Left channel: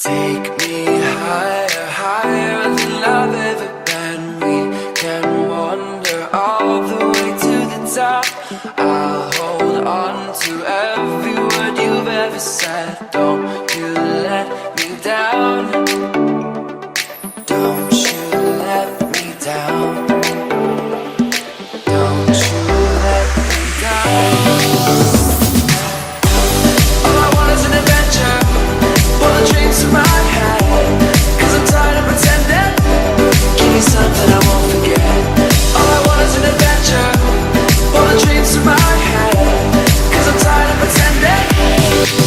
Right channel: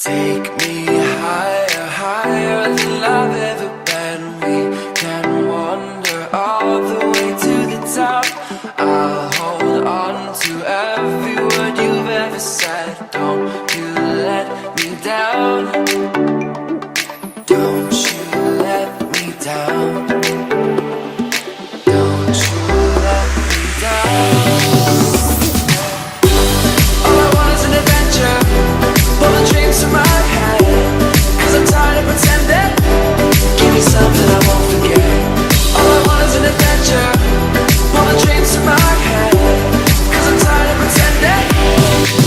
Take me higher, higher than I've ever been. We can wander all the way to the top. I'll hold on to every word you've ever said. Don't you let me down. Don't you let me down. Don't you let me down. All I want is an adventure. Pull the dreams from my head, 'cause I'm tired of pretending. Give me something I won't forget. All I want is an adventure. Pull the dreams from my head, 'cause I'm tired of pretending.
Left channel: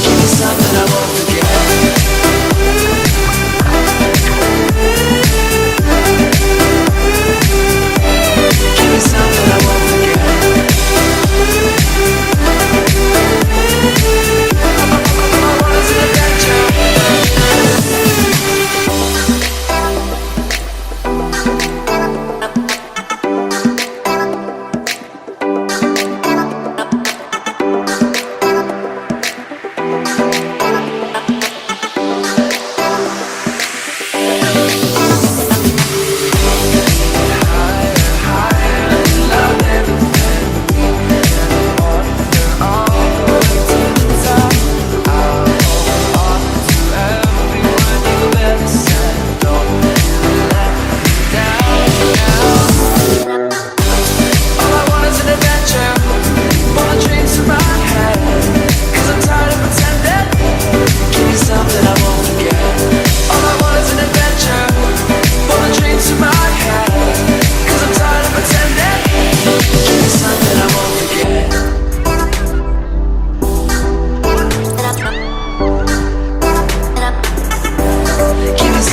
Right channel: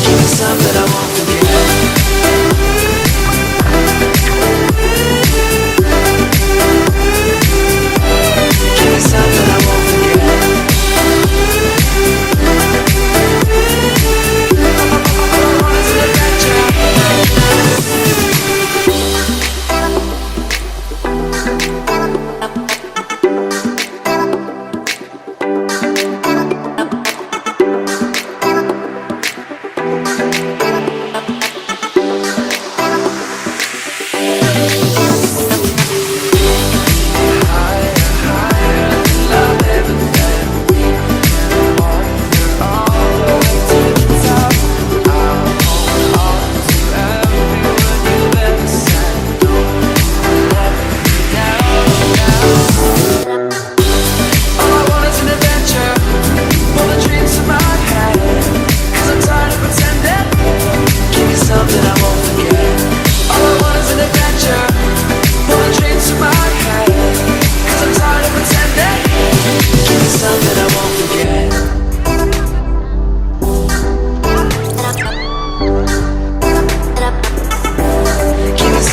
Give me something I won't forget. Give me something I won't forget. All I want is an adventure.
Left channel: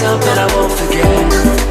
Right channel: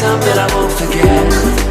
Something I won't forget.